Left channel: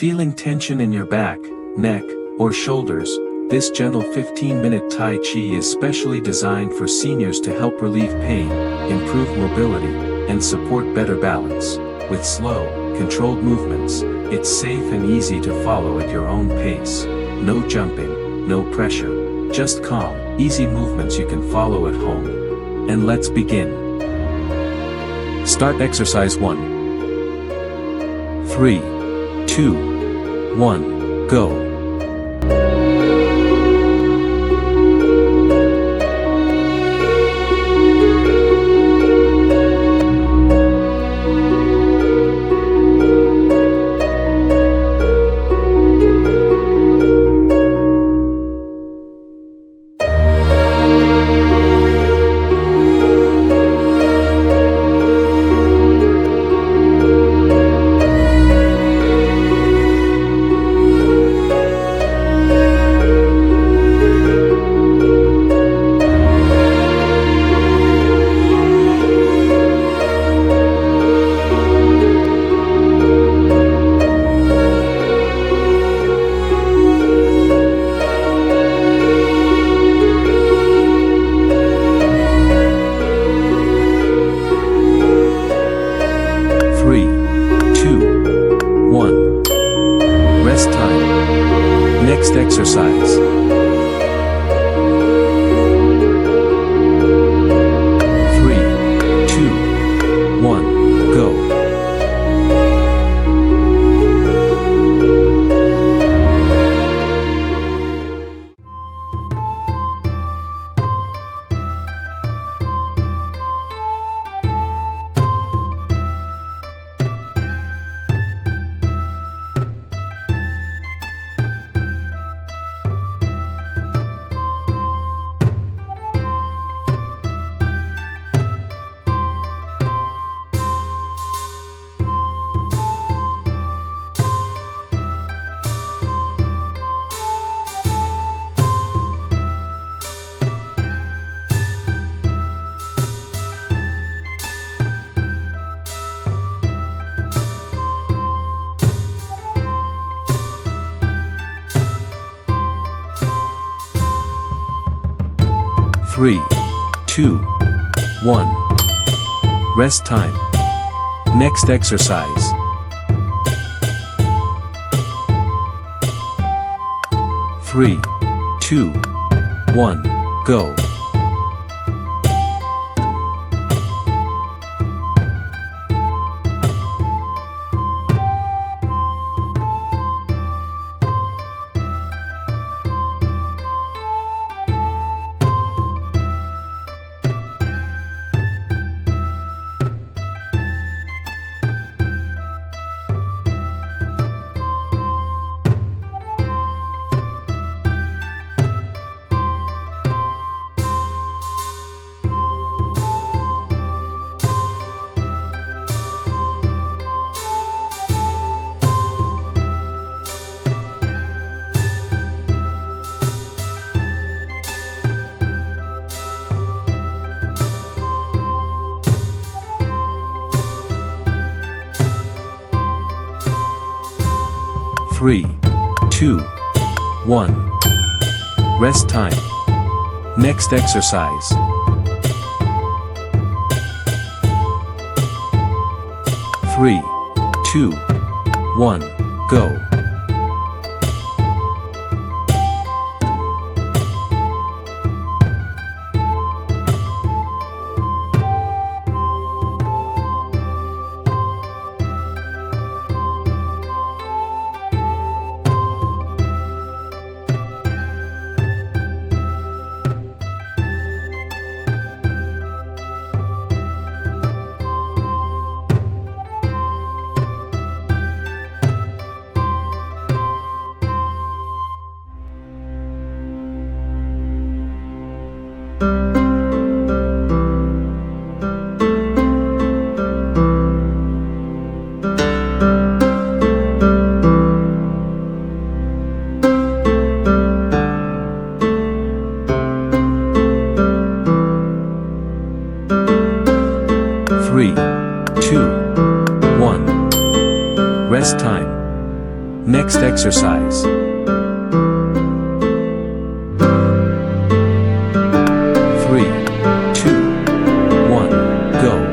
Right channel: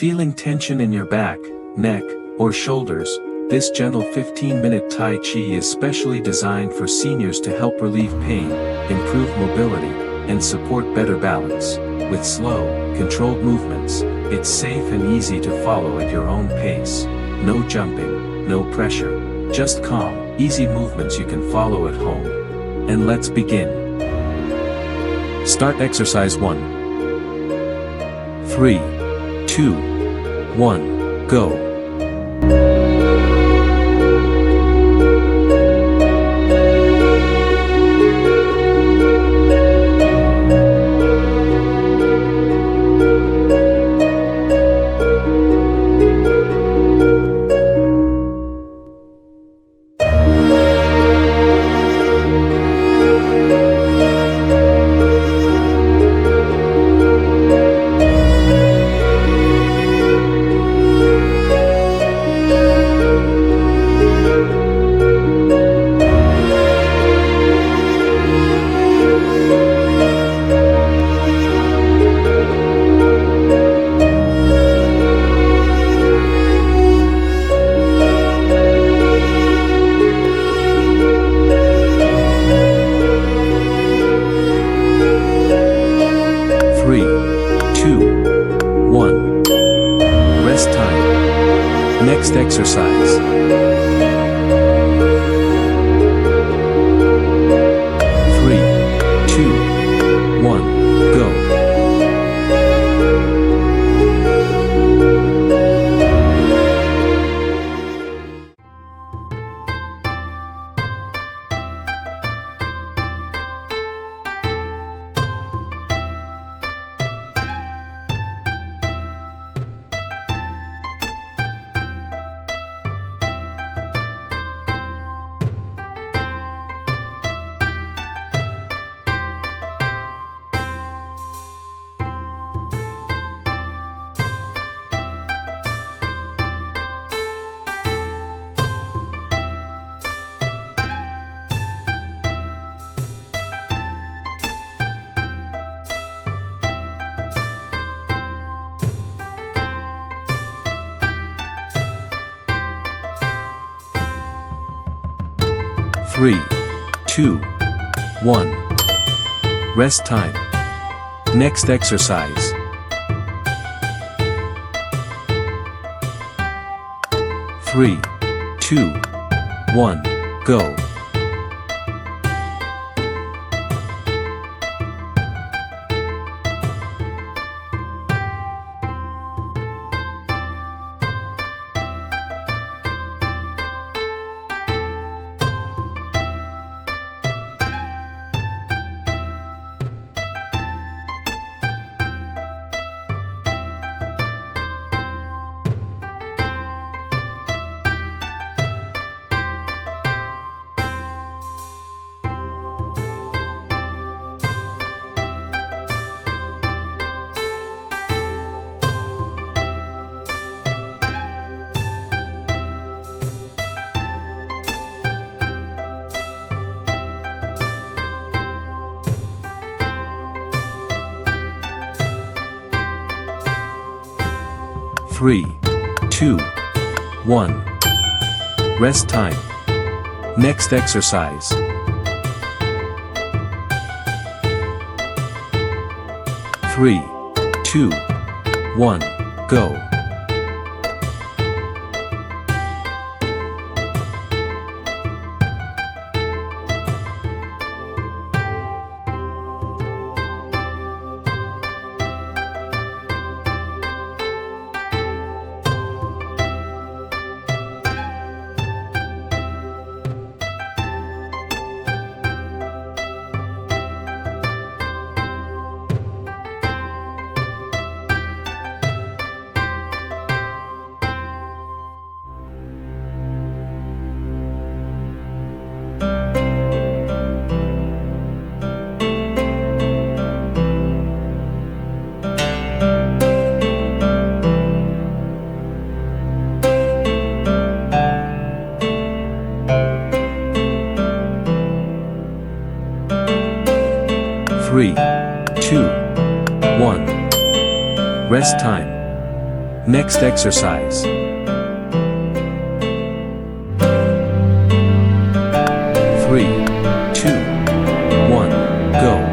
Feeling tension in your back, neck, or shoulders, this gentle 15-minute Tai Chi is specially designed for seniors to help relieve pain, improve mobility, and support better balance. With slow, controlled movements, it's safe and easy to follow at your own pace. No jumping, no pressure, just calm, easy movements you can follow at home. And let's begin. Start exercise 1. 3, 2, 1, go. Three, two, one. Rest time. Next exercise. 3, 2, 1, go. 3, 2, 1. Rest time. Next exercise. 3, 2, 1, go. Three, two, one. Rest time. Next exercise. 3, 2, 1, go. Next exercise. 3, 2, 1, go.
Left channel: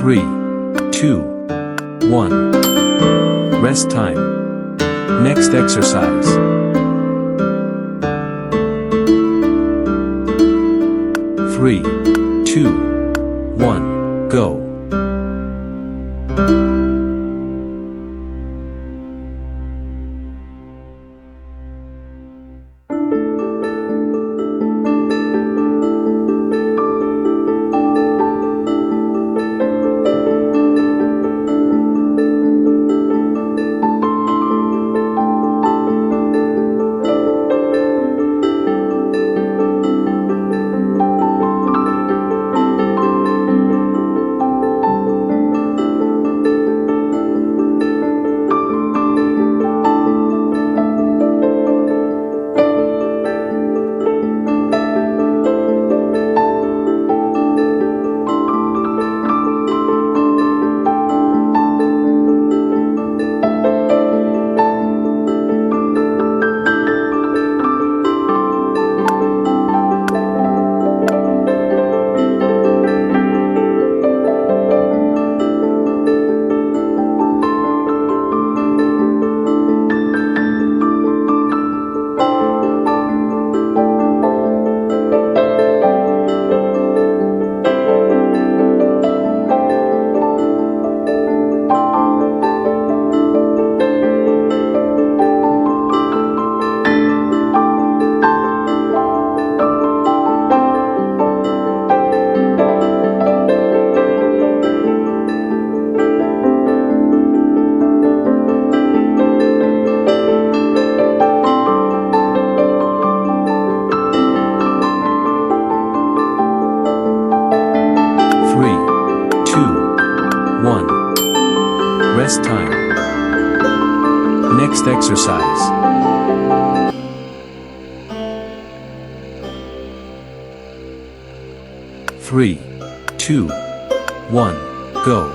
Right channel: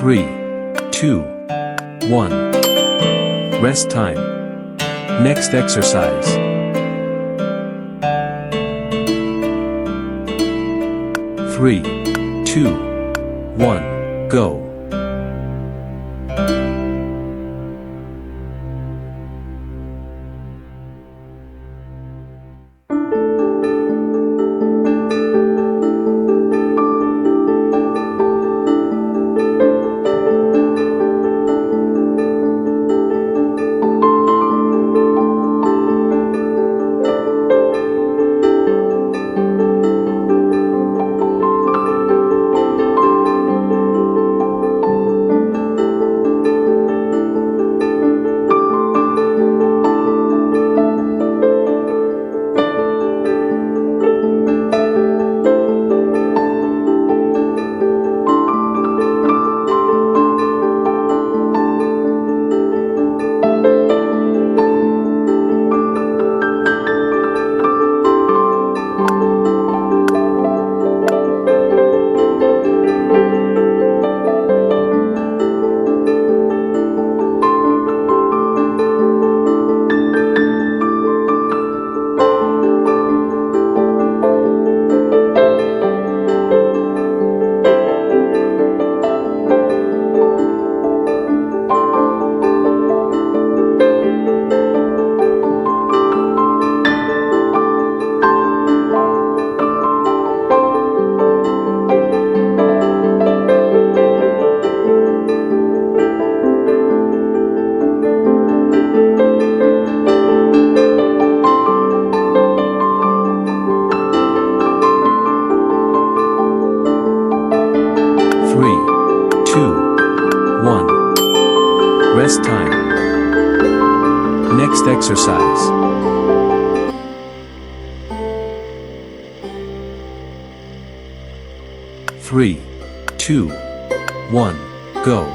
3, 2, 1. Rest time. Next exercise. 3, 2, 1, go. 3, 2, 1. Rest time. Next exercise. 3, 2, 1, go.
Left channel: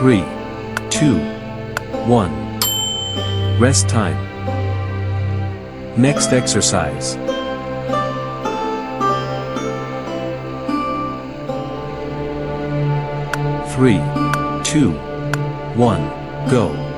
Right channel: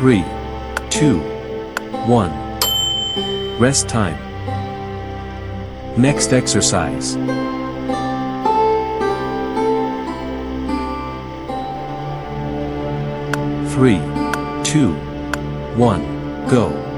3, 2, 1. Rest time. Next exercise. Three, 2, 1, go.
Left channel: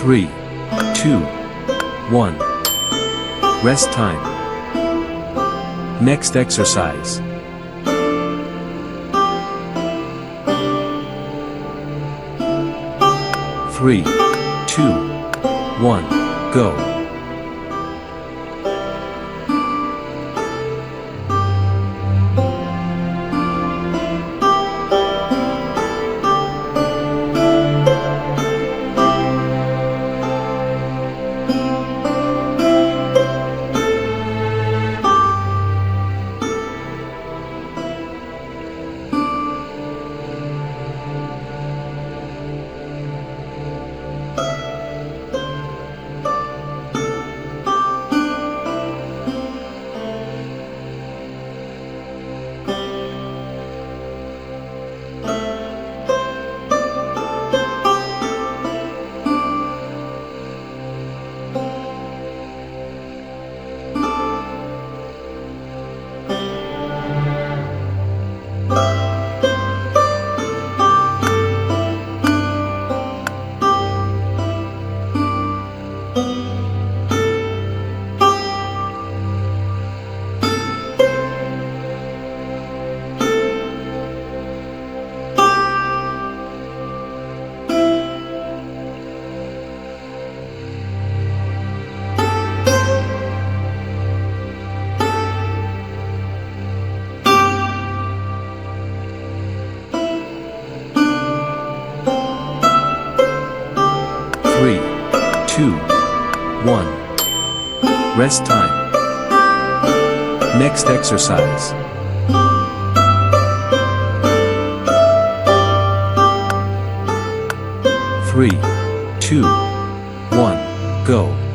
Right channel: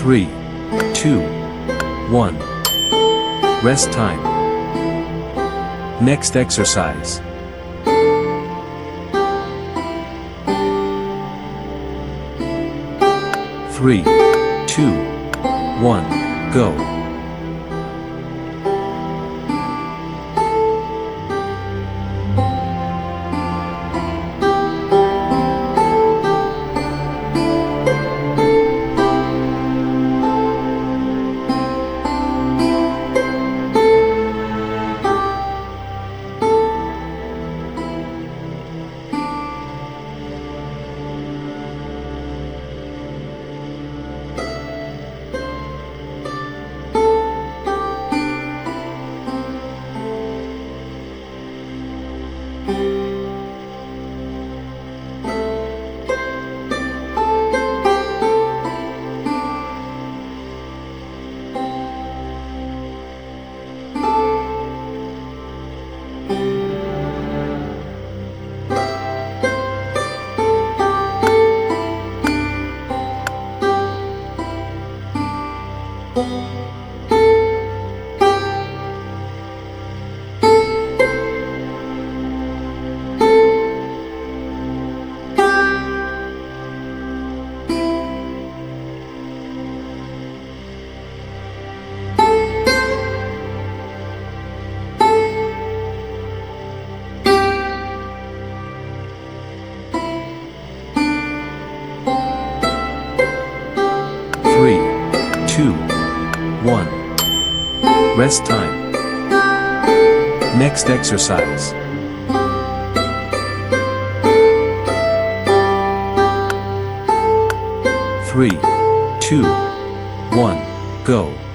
3, 2, 1. Rest time. Next exercise. 3, 2, 1, go. 3, 2, 1. Rest time. Next exercise. 3, 2, 1, go.